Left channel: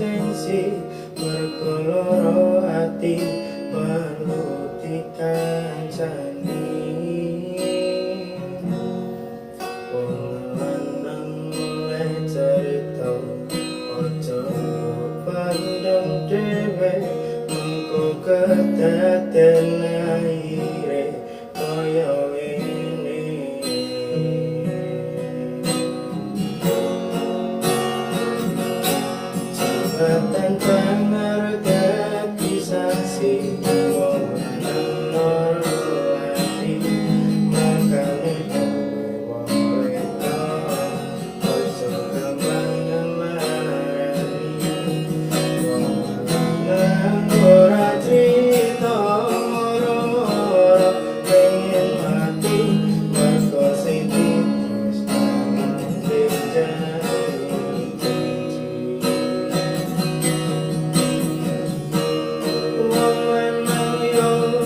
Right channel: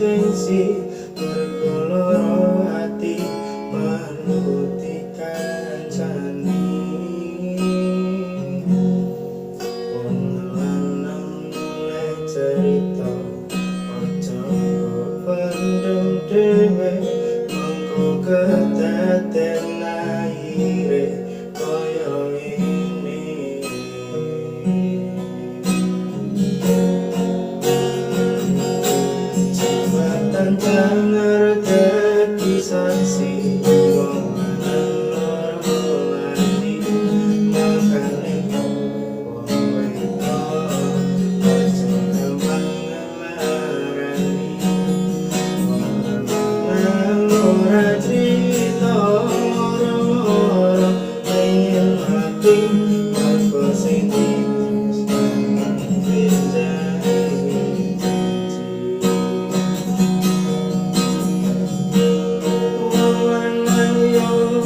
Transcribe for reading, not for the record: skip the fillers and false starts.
Gengsi mergo loro ati manuti kancani wong lanang oleh cerita aja pendem dhewe mengko kedaden akhire kaya ini tantang ngerti saksi wong lanang loro ati makane wong wedok aja gampang ngelarani wong lanang ora crita moro-moro pengen mati mergo sing yo